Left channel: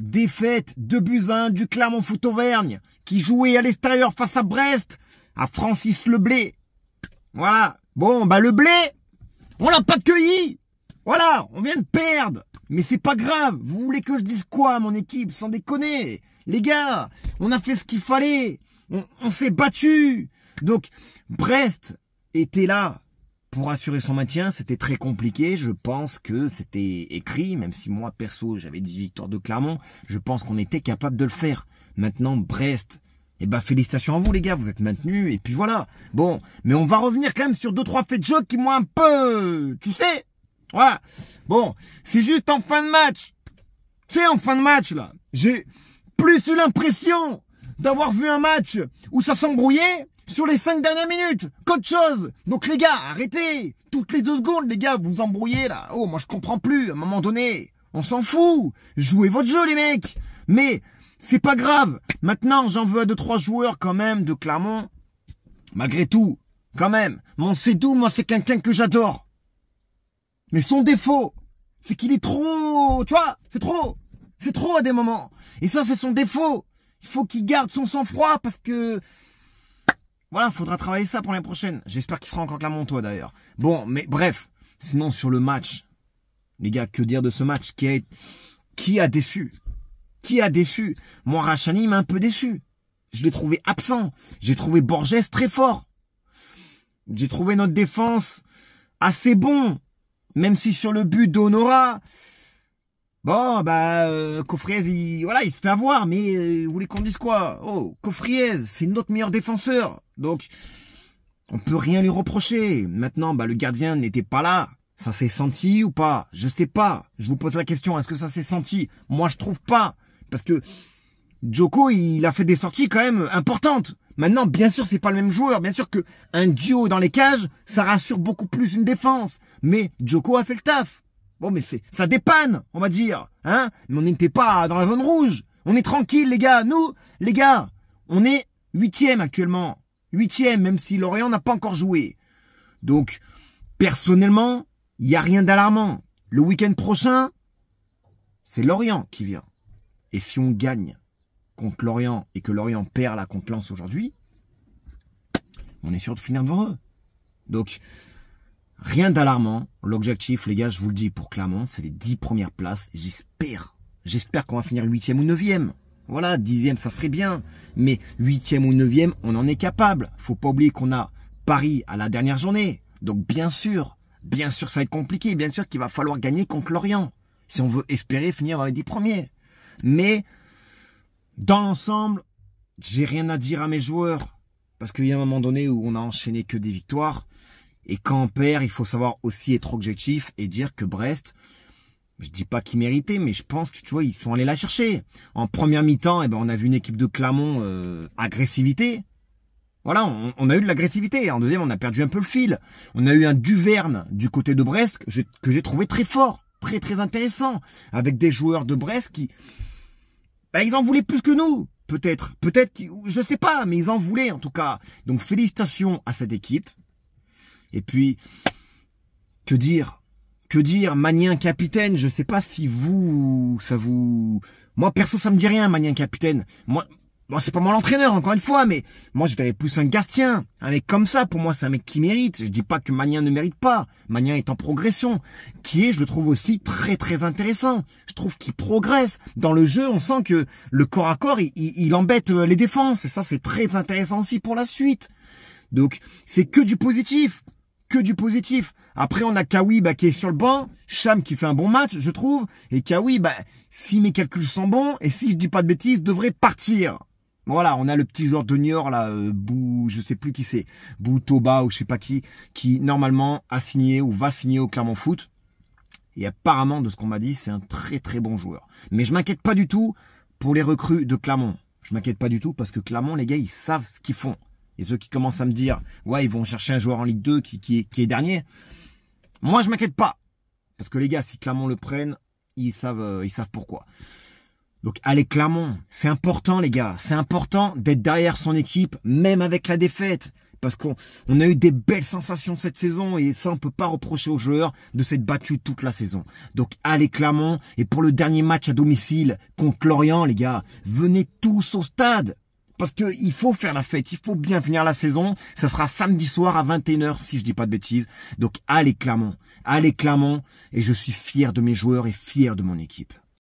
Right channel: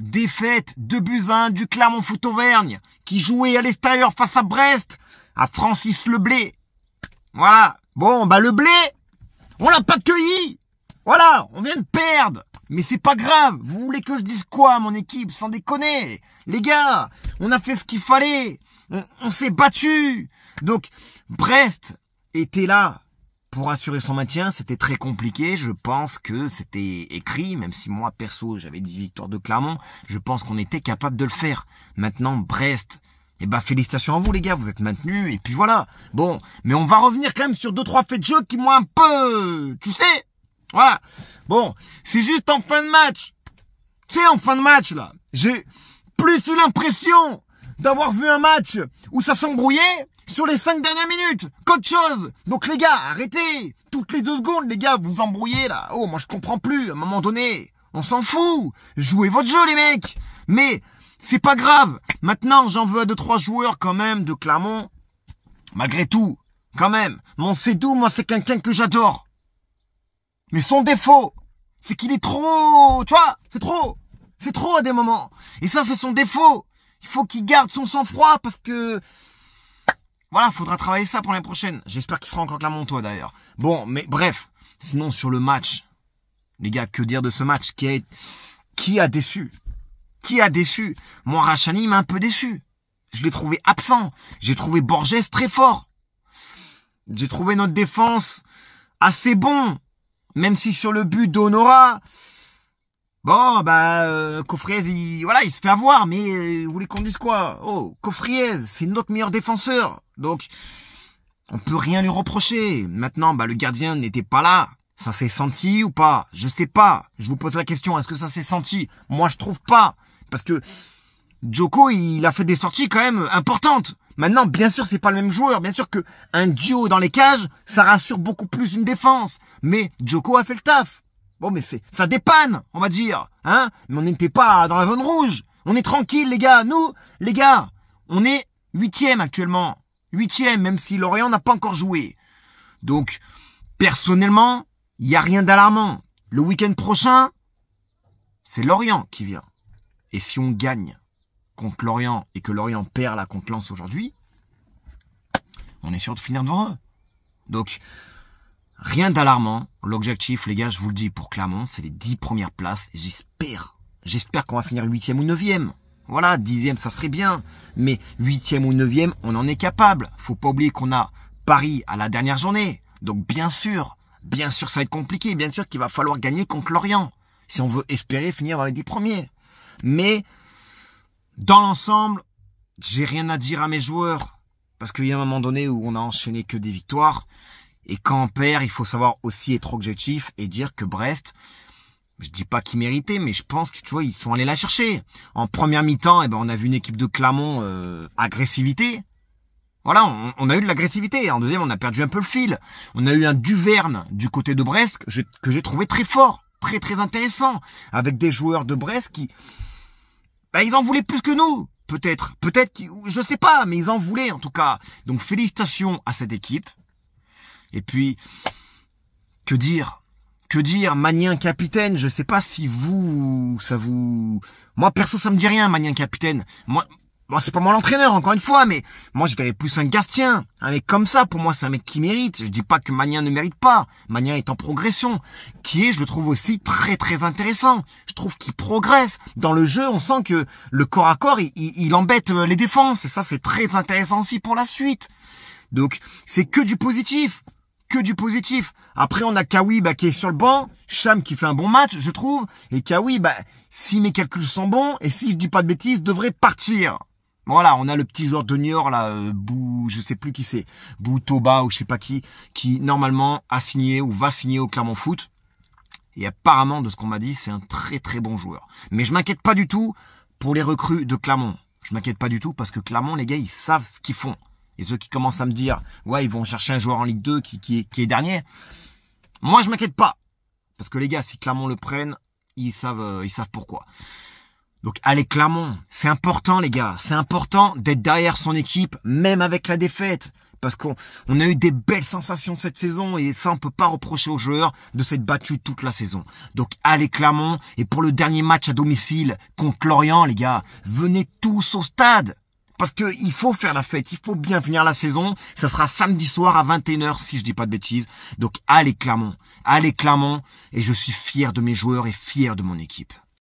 Défaite 2-1 du Clermont Foot Auvergne, qui jouait à l'extérieur face à Brest, à Francis Leblé. Voilà. Bon, bah le blé, on l'a pas cueilli. Voilà, on vient de perdre. Mais c'est pas grave. Vous voulez que je dise quoi à mon équipe? Sans déconner. Les gars, on a fait ce qu'il fallait. On s'est battu. Donc, Brest était là pour assurer son maintien. C'était très compliqué. Je pense que c'était écrit, même si moi, perso, j'avais 10 victoires de Clermont. Je pense qu'on était capable de le faire. Maintenant, Brest, eh ben, félicitations à vous, les gars. Vous êtes maintenus. Et puis voilà. Bon, mais on va revenir quand même sur 2-3 faits de jeu qui m'ont un peu... Tu sais? Voilà. Bon, c'est juste en fin de match. Tu sais, en fin de match, là, j'ai plus eu l'impression d'avoir vu un match où ça s'embrouillait sur les 5 dernières minutes qu'autre chose. Donc les gars, arrêtez. Toutes les 2 secondes, les gars, vous embrouillez là. Oh, moi je comprends plus. À un moment donné, on s'en fout. Jouez votre jeu, les mecs. Mais c'est pas grave. Maintenant, j'en veux à 2-3 joueurs quand même de Clermont. Malgré tout, quand même. Mon Sédou, moi, c'est quelqu'un que j'adore. Mais son défaut, c'est qu'il est trop... Tu vois, c'est trop. C'est trop à des moments. Et ça, c'est son défaut. Il faut qu'il garde son sang-froid parce que... Voilà, faudra travailler ça pour l'année prochaine. J'espère qu'il sera encore Clermontois d'ailleurs. Bon, mais bref. Sinon, sur le match, les gars, que dire de ce match? Qui a déçu? Qui a déçu? Moi, Rachani m'a un peu déçu. Je l'ai trouvé absent. J'ai trouvé Borges très fort. J'ai trouvé notre défense assez bon. Même si sur le but d'Honora... Bon, bah, Coffriez, il se fait avoir, mais vous voulez qu'on dise quoi? Oh, Coffriez, c'est notre meilleur défenseur. Donc, on peut rien lui reprocher. Maintenant, bah, le gardien n'était pas là. Ça s'est senti ou pas? Je sais pas. Je vous pose la question, est-ce que ça s'est senti? Moi, je trouve pas. Parce que Djoko, il a fait des sorties quand même importantes. Maintenant, bien sûr, c'est pas le même joueur. Bien sûr que un duo dans les cages, ça rassure beaucoup plus une défense. Mais Djoko a fait le taf. Bon, mais ça dépanne, on va dire, hein. Mais on n'était pas dans la zone rouge. On est tranquille, les gars. Nous, les gars, on est 8e actuellement. 8e, même si Lorient n'a pas encore joué. Donc, personnellement, il n'y a rien d'alarmant. Le week-end prochain, c'est Lorient qui vient. Et si on gagne contre Lorient et que Lorient perd là contre Lens aujourd'hui, on est sûr de finir devant eux. Donc, rien d'alarmant. L'objectif, les gars, je vous le dis, pour Clermont, c'est les 10 premières places. J'espère qu'on va finir 8e ou 9e. Voilà, 10e, ça serait bien. Mais 8e ou 9e, on en est capable. Faut pas oublier qu'on a Paris à la dernière journée. Donc, bien sûr, ça va être compliqué. Bien sûr qu'il va falloir gagner contre Lorient. Si on veut espérer finir dans les 10 premiers. Mais, dans l'ensemble, j'ai rien à dire à mes joueurs. Parce qu'il y a un moment donné où on a enchaîné que des victoires. Et quand on perd, il faut savoir aussi être objectif et dire que Brest, je dis pas qu'ils méritaient, mais je pense que tu vois, ils sont allés la chercher. En première mi-temps, eh ben, on a vu une équipe de Clermont agressivité. Voilà, on a eu de l'agressivité. En deuxième, on a perdu un peu le fil. On a eu un Duverne du côté de Brest que j'ai trouvé très fort, très très intéressant, avec des joueurs de Brest qui, bah, ils en voulaient plus que nous. Peut-être, je sais pas, mais ils en voulaient en tout cas. Donc félicitations à cette équipe. Et puis, que dire, Magnien capitaine, je sais pas si moi perso ça me dit rien, Magnien capitaine. Moi, bon, c'est pas moi l'entraîneur encore une fois, mais moi je verrais plus un Gastien, un mec comme ça. Pour moi c'est un mec qui mérite. Je dis pas que Magnien ne mérite pas. Magnien est en progression, je le trouve aussi très très intéressant. Je trouve qu'il progresse dans le jeu. On sent que le corps à corps, il embête les défenses et ça c'est très intéressant aussi pour la suite. Donc c'est que du positif. Après, on a Kawi qui est sur le banc. Cham qui fait un bon match, je trouve. Et Kawi, si mes calculs sont bons, et si je dis pas de bêtises, devrait partir. Voilà, on a le petit joueur de Niort, là, je sais plus qui c'est. Toba ou je sais pas qui normalement a signé ou va signer au Clermont Foot. Et apparemment, de ce qu'on m'a dit, c'est un très très bon joueur. Mais je m'inquiète pas du tout pour les recrues de Clermont. Je m'inquiète pas du tout parce que Clermont, les gars, ils savent ce qu'ils font. Et ceux qui commencent à me dire, ouais, ils vont chercher un joueur en Ligue 2 qui est dernier. Moi, je m'inquiète pas. Parce que les gars, si Clermont le prennent, ils savent pourquoi. Donc allez Clermont, c'est important les gars, c'est important d'être derrière son équipe, même avec la défaite. Parce qu'on a eu des belles sensations cette saison et ça on peut pas reprocher aux joueurs de s'être battus toute la saison. Donc allez Clermont, et pour le dernier match à domicile contre Lorient les gars, venez tous au stade. Parce que il faut faire la fête, il faut bien finir la saison. Ça sera samedi soir à 21h si je dis pas de bêtises. Donc allez Clermont, et je suis fier de mes joueurs et fier de mon équipe.